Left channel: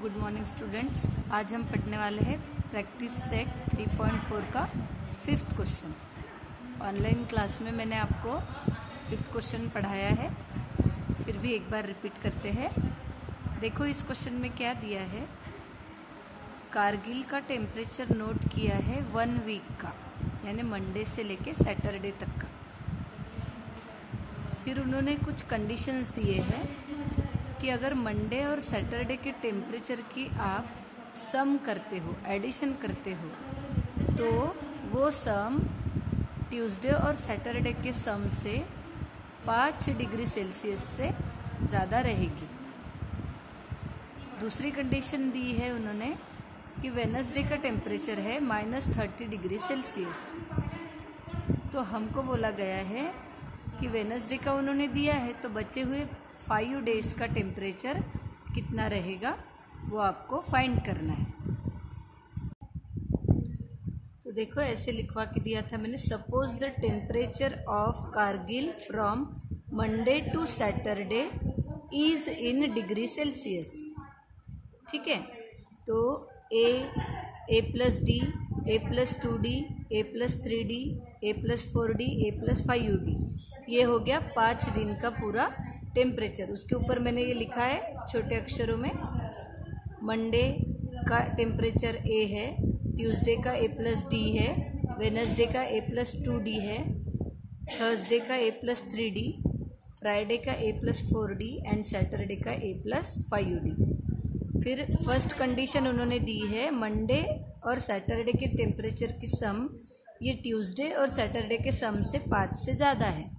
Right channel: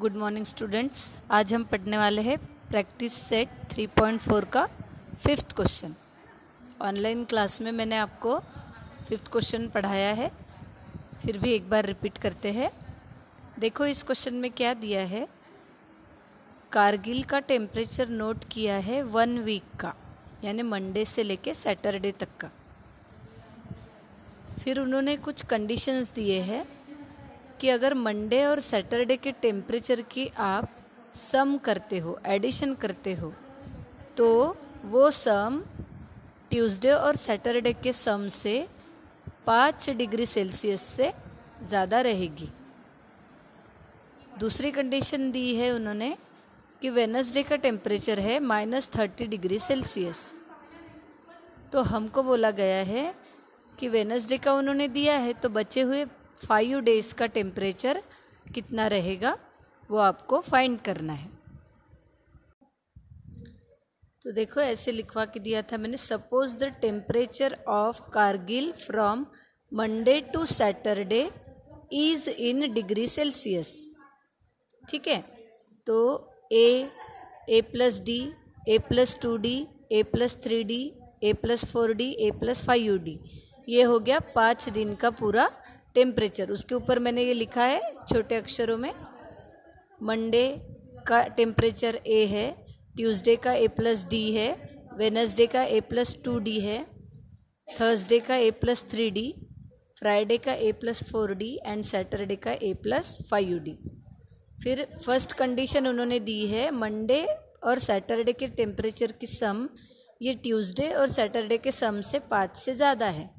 Good morning students. आज हम पढ़ने वाले हैं प्रैक्टिस सेट 3.4 का 5th क्वेश्चन। ऑनलाइन क्लास में मैंने आपको 5th क्वेश्चन पढ़ाया है, फिर भी एक बार रिपीट करते हैं। देखो इस क्वेश्चन में क्या दिया है। कारगिल का टेम्परेचर नोट किया है 1 वीक का, यानी मंडे से लेके सैटरडे तक का। फिर उन्होंने कुछ कंडीशंस दिए हैं कि अगर मंडे और सैटरडे के टेम्परेचर की आप सम करते हो, एडिशन करते हो, तो वो सम ट्यूसडे और सैटरडे के सम से 5 डिग्री सेल्सियस से ज़्यादा रहेगी। दूसरी कंडीशन दी है उन्होंने कि वेडनेसडे का टेम्परेचर है -30 डिग्री सेल्सियस। तो हमको बोला गया है कि वेडनेसडे का उन्होंने दिया है, तो बचे हुए 5 डेज़ का टेम्परेचर कितना रहेगा वो आपको फाइंड करना है। तो देखो ऐसे लिखवा के दिया था मैंने, suppose the temperature of Kargil from Monday to Saturday is in degree Celsius. ठीक है, तो A plus D, A plus 2D, A plus 3D, A plus 4D, A plus 5D, ये हो गया 5 दिन का पूरा टेम्परेचर। उसके ऊपर मैंने ये लिखा है छोटे अक्षरों में, मंडे का टेम्परेचर ए है, ट्यूसडे का ए प्लस डी है, वेडनेसडे का ए प्लस 2D है, थर्सडे का ए प्लस 3D, फ्राइडे का ए प्लस 4D एंड सैटरडे का ए प्लस 5D। फिर फर्स्ट कंडीशन उन्होंने दी है मंडे और सैटरडे के टेम्परेचर की सम ये ट्यूसडे और सैटरडे के सम से 5 से ज़्यादा है।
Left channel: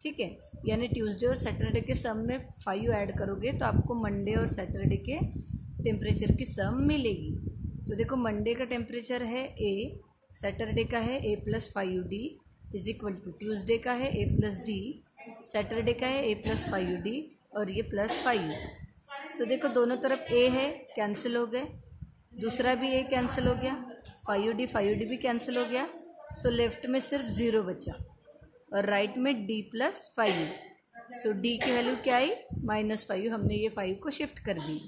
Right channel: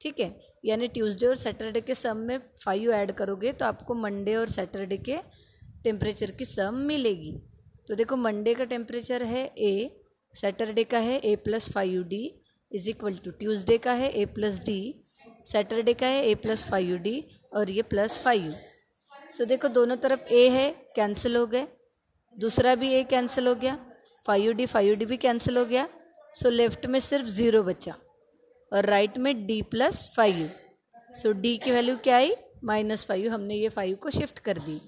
ठीक है, यानी ट्यूसडे और सैटरडे के सम में 5 ऐड करोगे तो आपको मंडे और सैटरडे के टेम्परेचर की सम मिलेगी। तो देखो मंडे का टेम्परेचर है ए, सैटरडे का है A plus 5D is equal to Tuesday का है ए प्लस डी, सैटरडे का है ए प्लस 5D और ये प्लस 5। सो देखो दोनों तरफ ए है, कैंसिल हो गए, दूसरा भी ए कैंसिल हो गया, 5D भी कैंसिल हो गया। सो लेफ्ट में सिर्फ 0 बचा और राइट में D प्लस 5। सो D की वैल्यू क्या आई -5, हमने ये 5 को शिफ्ट कर दी।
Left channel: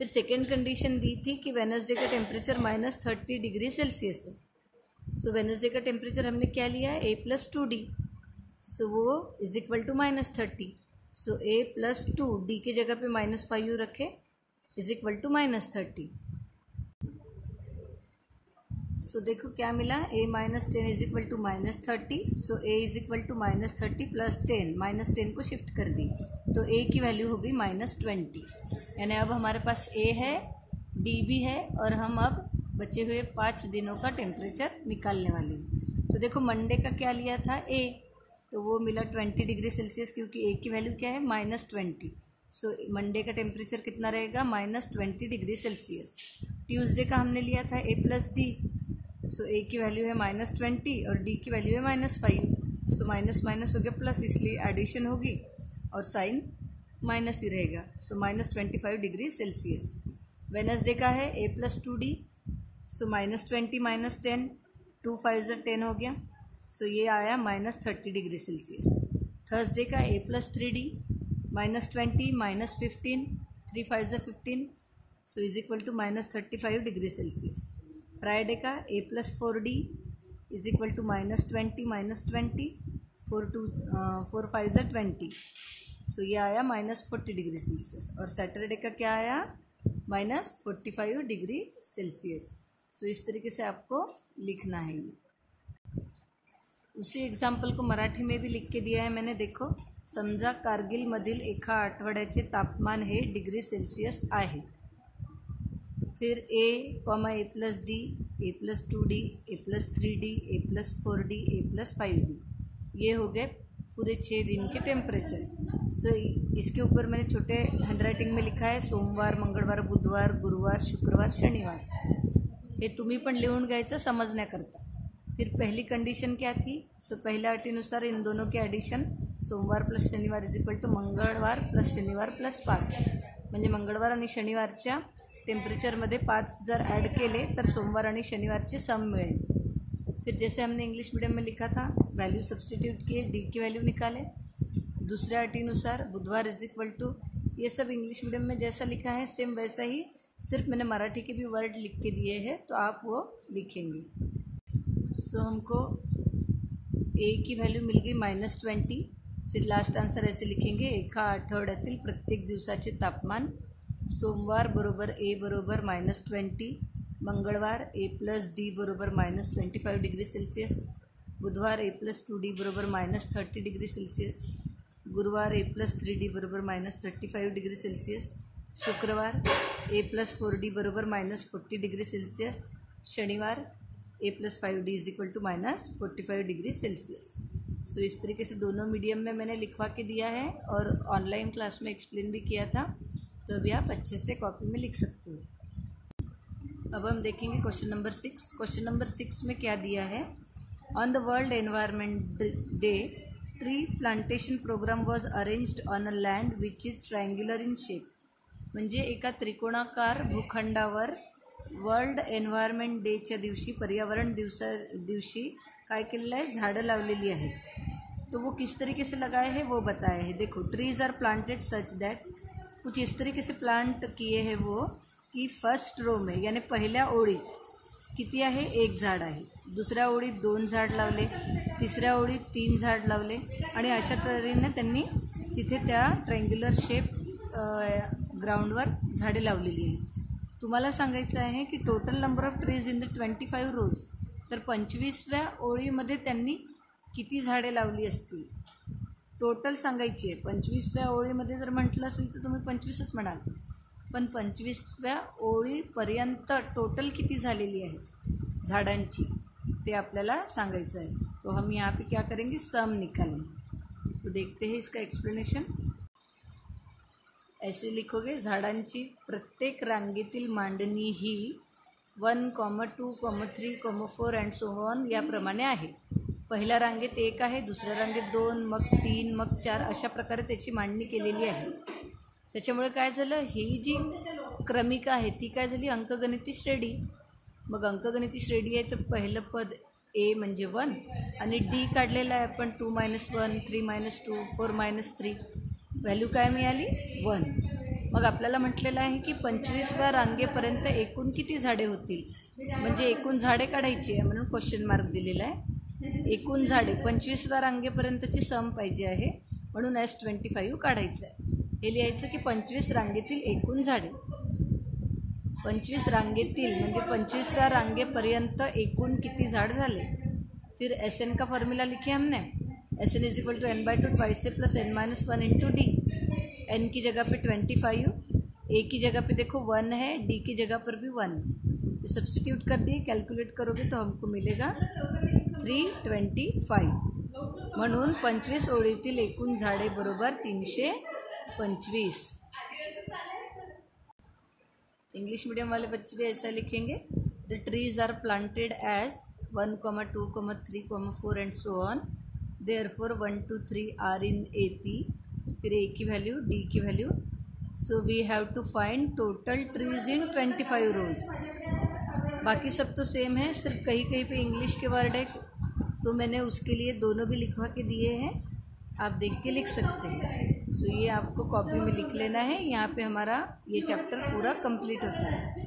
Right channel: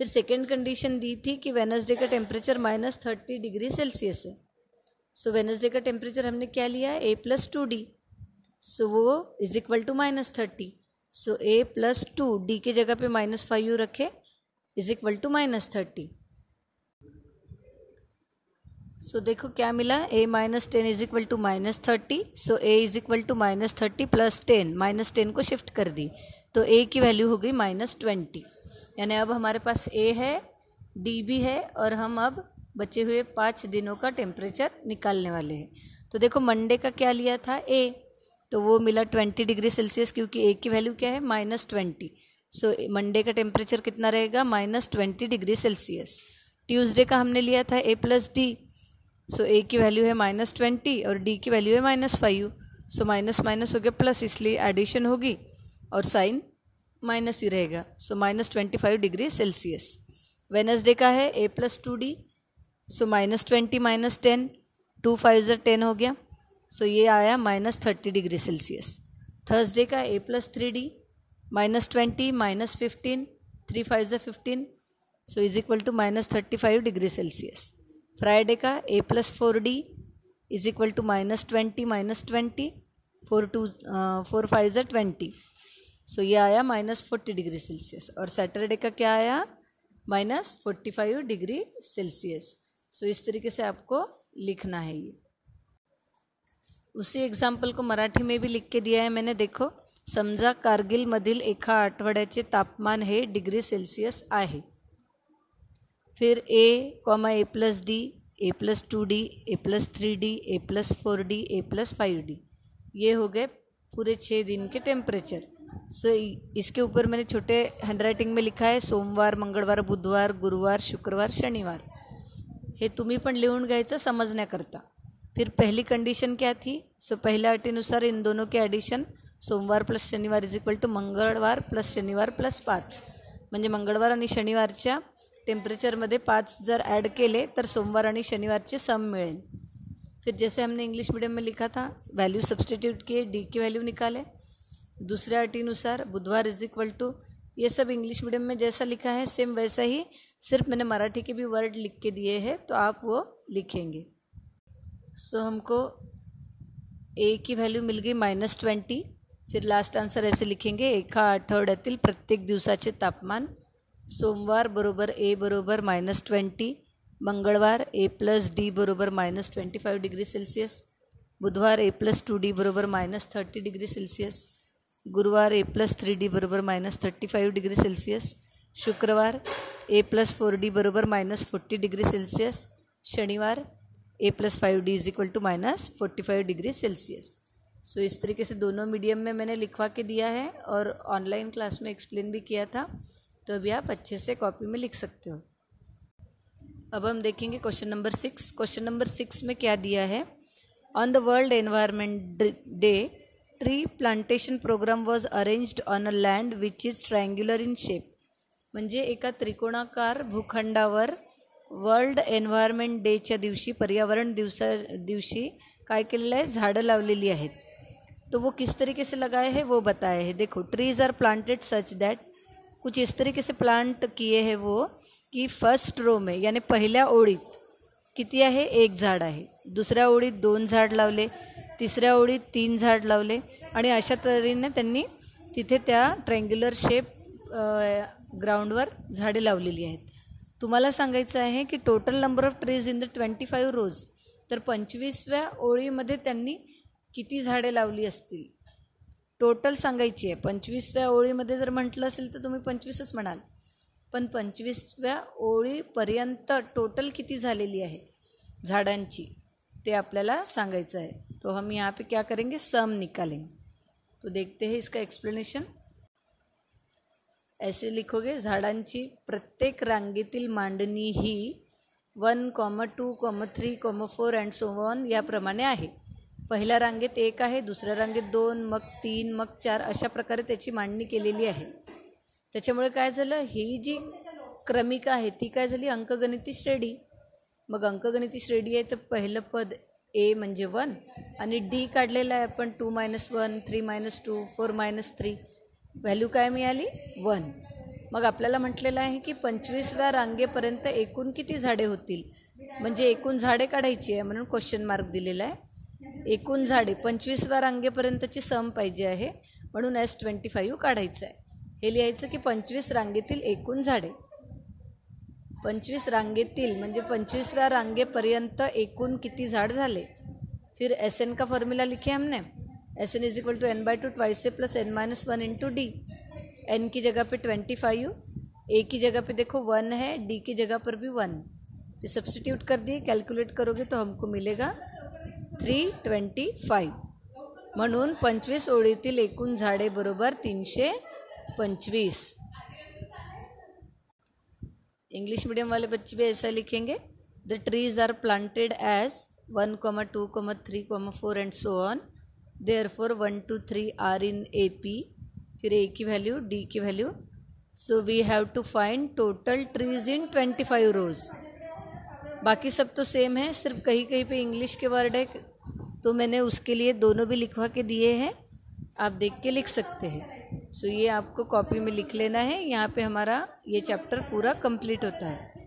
फिर सेकेंड कंडीशन दी थी कि वेडनेसडे का टेम्परेचर -30 डिग्री सेल्सियस है। सो वेडनेसडे का टेम्परेचर हमने क्या लिया है ए प्लस 2D, सो वो is equal to -30। So A plus 2D की जगह पे -5 रखे इज इक्वल टू -30। सो देखो क्या मिला, a - 10 is equal to -30। So a is equal to -30 plus 10, -10 को शिफ्ट कर दी तो a की वैल्यू हो गई -20। यानी अब हमारे पास a है, d भी है और हम अब बचे हुए 5 दिनों का टेम्परेचर निकालने वाले हैं। तो देखो मंडे का क्या लिया था a, तो वो मिला 20 डिग्री सेल्सियस, क्योंकि a की वैल्यू क्या है -20। सो मंडे का टेम्परेचर कितना रहेगा -20 डिग्री सेल्सियस। ट्यूसडे का हमने लिया था a plus D, so a की वैल्यू है -20 और d की वैल्यू है -5। सो माइनस माइनस हो गया प्लस, इसलिए एडिशन होगी और साइन माइनस ही रहेगा। सो -25 डिग्री सेल्सियस। वेडनेसडे का है a प्लस 2D, सो -20 - 10, 2 5 10 हो गया। सो ये आया -30 डिग्री सेल्सियस। थर्सडे का a plus 3D, -20 - 15, 3 5 15, so is equal to -35 degree Celsius. Friday का a plus 4D is equal to -20 - 20, 4 5 20, so ये आया -40 डिग्री सेल्सियस। और सैटरडे का क्या आया -45 डिग्री सेल्सियस। सो इस तरीके से आपको लिखना है। ये उसी एग्जाम्पल को मराठी में भी लिख के दिया है मैंने। देखो, समजा कारगिल मधील एका आठवड्याचे तापमान हे डिग्री सेल्सियस आहे। फिर a plus D, A plus 2D, A plus 3D, A plus 4D, A plus 5D, ये हो गए पूरे 6 दिन के टेम्परेचर। सो इसके ऊपर मैंने छोटे हैंडराइटिंग में लिखा है सोमवार, मंगळवार, बुधवार, गुरुवार, शुक्रवार, शनिवार। हे तुम्ही पण लिहून घ्यायचं समजण्याकरता। फिर पहली कंडीशन क्या थी, सो पहिल्या अटीनुसार इन दोनों के ॲडिशन सोमवार प्लस शनिवार इज इक्वल टू मंगळवार प्लस शनिवार प्लस 5, म्हणजे मंगळवार आणि शनिवारच्या टेम्परेचरमध्ये 5 जर ऐड केले तर सोमवार आणि शनिवारचे सम मिळेल। फिर जैसे हमने इंग्लिश मीडियम में लिखा था, वैल्यू सब्सटीट्यूट किए, डी की वैल्यू निकाले। दूसऱ्या अटीनुसार बुधवार इज इक्वल टू ये सब इंग्लिश मीडियम में जैसा लिखा है सेम वैसा ही, सिर्फ मैंने मराठी के भी वर्ड लिख के दिए हैं, तो आप वो लिखेंगे। सो हमको ए की व्हॅल्यू मिल गई -20। फिर लास्ट आन्सर ऐसे लिखेंगे, एका आठवड्यातील प्रत्येक दिवसाचे तापमान। सोमवार बरोबर ए बरोबर -20, मंगळवार A+D बरोबर -25 डिग्री सेल्सियस, बुधवार A+2D बरोबर -30 डिग्री सेल्सियस, गुरुवार A+3D बरोबर -35 डिग्री सेल्सियस, शुक्रवार A+4D बरोबर -40 डिग्री सेल्सियस, शनिवार A+5D = -45 डिग्री सेल्सियस। सो इस तरीके से दोनों मीडियम में मैंने लिखवा के दिया है और ऑनलाइन क्लास में एक्सप्लेन भी किया था, तो अभी आप अच्छे से कॉपी में लिख सकते हो। अब हम देखेंगे क्वेश्चन नंबर 6। क्वेश्चन नंबर 6 में क्या दिया है, on the world environment day tree plantation programme was arranged on a land which is triangular in shape. म्हणजे एका त्रिकोणाकार भूखंडावर वर्ल्ड एन्व्हायरमेंट डेच्या दिवशी, पर्यावरण दिवशी काय केलेलं आहे, झाडं लावलेली आहेत। तो वो किस तरीके से लगाए हैं वो बताया है। देखो, trees are planted such that, कुछ इस तरीके से प्लांट किए हैं वो कि फर्स्ट रो में यानी पहिल्या ओळीत किती आहे, 1 झाड आहे, दुसऱ्या ओळीत 2 झाड लावले, तिसऱ्या ओळीत 3 झाड लावले आणि अशा तऱ्हेने त्यांनी तिथे त्या ट्रायंग्युलर शेप ग्राउंडवर झाडे लावलेली आहेत। तुम्हाला सांगायचं आहे की total number of trees in the 25 रोज, तर 25व्या ओळीमध्ये त्यांनी किती झाडे लावली असतील टोटल सांगायची आहे। 25व्या ओळीमध्ये जर म्हटलं असेल तर तुम्ही 25च म्हणाल, पण 25व्या ओळीपर्यंत टोटल किती झालेली आहे झाडांची ते आपल्याला सांगायचं आहे। तो हम यहाँ पे क्या करेंगे, सम निकालेंगे। तो देखते हैं इसका एक्सप्लेनेशन। ऐसे लिखोगे, झाडांची प्रत्येक रांगेतील मांडणी ही 1, 2, 3, 4 अँड सो ऑन याप्रमाणे आहे। पहिल्या रांगेत 1 आहे, दुसऱ्या रांगेत 2, मग 3, मग 4 अशा प्रकारे त्याची मांडणी केलेली आहे। त्याच्यामुळे काय झालं, ही जी क्रमिका आहे ती काय झाली, अंकगणिती श्रेणी। मग अंकगणिती श्रेणी आहे तर पहिलं पद ए म्हणजे 1 आणि डी काढलेला आहे आपण 2 - 1, 3 - 2, 4 - 3, व्हॅल्यू काय मिळाली 1। मग आपल्याला म्हटलेलं आहे की 25व्या रांगेपर्यंत एकूण किती झाडे होतील, म्हणजे एकूण झाडे काढायची आहे म्हणून क्वेश्चन मार्क दिलेला आहे। एकूण झाडे 25व्या रांगेपर्यंतची सम पाहिजे आहे म्हणून S25 काढायचं आहे। हे लिहायचं की 25 रांगेतील एकूण झाडे, 25 रांगेतील म्हणजे 25व्या रांगेपर्यंत एकूण किती झाड झाले। फिर SN का फॉर्मूला लिखे हमने, SN = n/2 2 से प्लस n - 1 × d। n की जगह पे 25, a की जगह पे देखो 1 है, d की जगह पर भी 1, सब्स्टिट्यूट कर दिए, कैलकुलेट करोगे तो हमको मिलेगा 325। म्हणून 25 ओळीतील एकूण झाडे बरोबर 325। इंग्लिश मीडियम वाले बच्चे भी ऐसा लिखेंगे, the trees are planted as 1, 2, 3, 4 and so on, therefore 1, 2, 3 are in AP। फिर ए की वैल्यू, डी की value. So we have to find total trees in 25 rows. बाकी सब तो सेम है, सिर्फ कहीं कहीं पे इंग्लिश के वर्ड है, तो मैंने उसके लिए दोनों भी लिखवा के दिए हैं, आप देख के लिख सकते हैं। सो ये आपको कॉपी में लिख लेना है। यहाँ पे हमारा ये चैप्टर पूरा कंप्लीट होता है।